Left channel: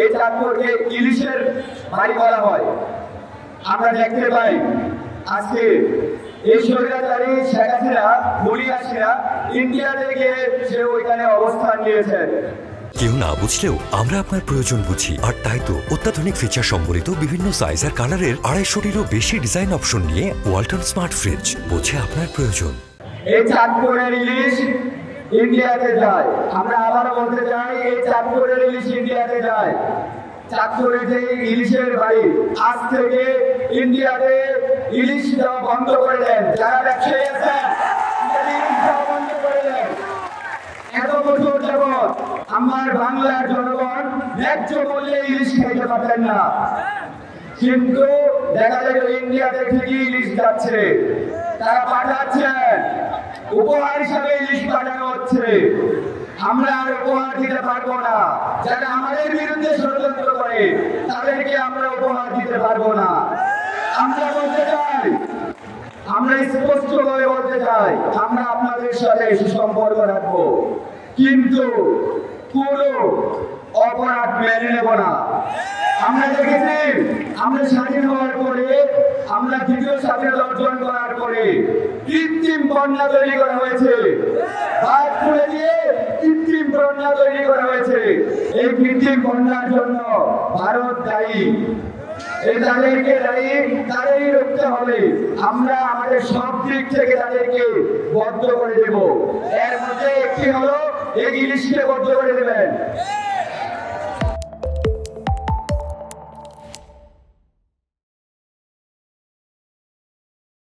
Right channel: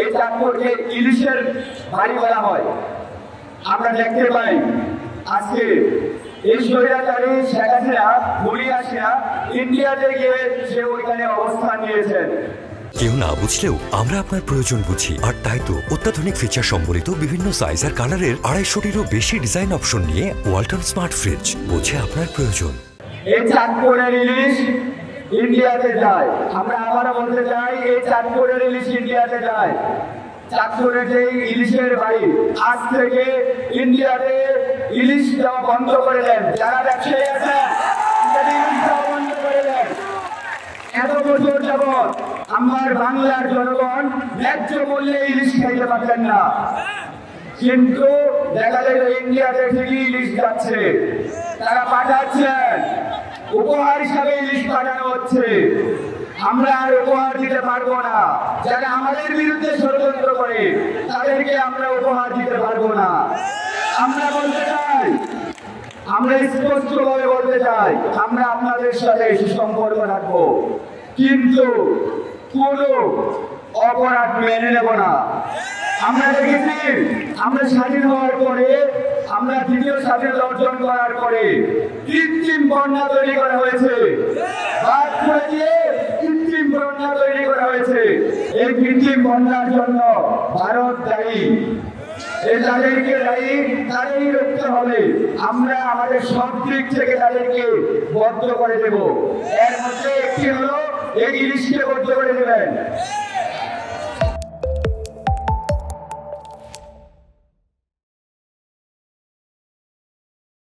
এই চাঁদপুরকে ইলিশের বাড়ি বলা হয়। আমরা দেখতে পাই আজকে এই স্বৈরাচারী শেখ হাসিনা মুলিয়াসিনা ইন্ডিয়াতে গিয়ে সে ওইখানে অবস্থান নিয়েছেন। কেউ না বুঝলেও আমরা আপনার প্রয়োজন বুঝি, আর তাই তো অত্যাধুনিক ফিচার সম্বলিত বিভিন্ন সাইজ আর কালারের 250-টিরও বেশি ডিজাইন অপশন নিয়ে ওয়ালটন স্মার্ট ফ্রিজ বোঝে আপনার প্রয়োজন। এই চাঁদপুরের ইলিশ ইন্ডিয়াতে যায়। আমরা আবার বলতে চাই, এই চাঁদপুরের ইলিশ ইন্ডিয়াতে যায়। চাঁদপুরের যে ইলিশের বাড়ি, আজ থেকে ইন্ডিয়াতে ইলিশ দেওয়া বন্ধ করে দেন। যারা ব্যবসায়ী আছেন বন্ধ করে দেন। এত বছর যাবৎ আমার বাংলার জনগণ ন্যায্য মূল্যে ইলিশ খাইতে পারতেন না, কিন্তু দেখা যায় ইন্ডিয়াতে ঠিকই ইলিশ যাচ্ছে। তারা পাঠাচ্ছেন, উপহার হিসাবে ইলিশ পাঠানো হচ্ছে। আমরা আর উপহার দিতে পারবো না। যারা আমাদের বিরুদ্ধে ষড়যন্ত্র করে তাদেরকে আমরা উপহার দিতে পারবো না। আমরা বলতে চাই, আমরা স্পষ্টভাবে বলতে চাই, আমরা আপনাদের সাথে সুসম্পর্ক রাখবো, কিন্তু কোনো অপরাধ মেনে নেব না। আমরা দেখেছি, আমরা স্বাধীন হওয়ার পরে, আমরা দ্বিতীয় স্বাধীনতা অর্জন করার পরে কৃত্রিম বন্যা তৈরি করা হয়েছে। বাঁধ খুলে দিয়ে কৃত্রিম বন্যা তৈরি করা হয়েছে। এই কৃত্রিম বন্যার জন্য ভারত দায়ী। তাদেরকে দায়ী, তাদেরই রুখতে হবে। আমরা আমাদের সব দিক থেকে তাদেরকে বদ্ধ করে দেব। এর মধ্যে একটি হলো এই ইলিশকে বদ্ধ করে দেবেন।